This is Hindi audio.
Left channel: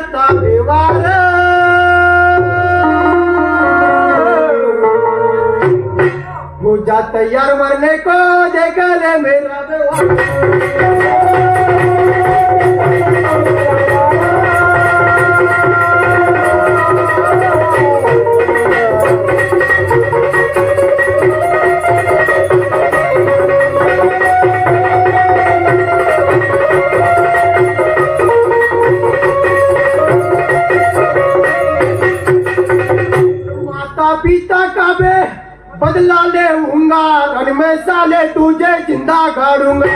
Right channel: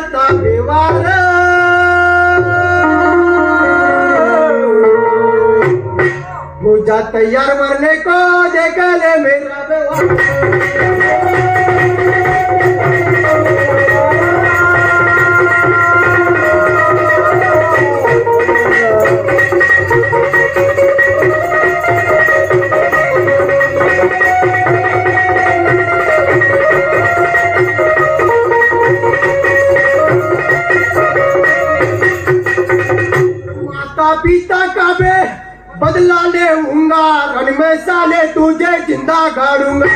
करता व्यवहार हो जा तैयार मरने को देख ले मेरा व्यवहार। माता पिता का बे बदला लेऊंगा, रण में साले तुझे जिंदा गाड़ूंगा।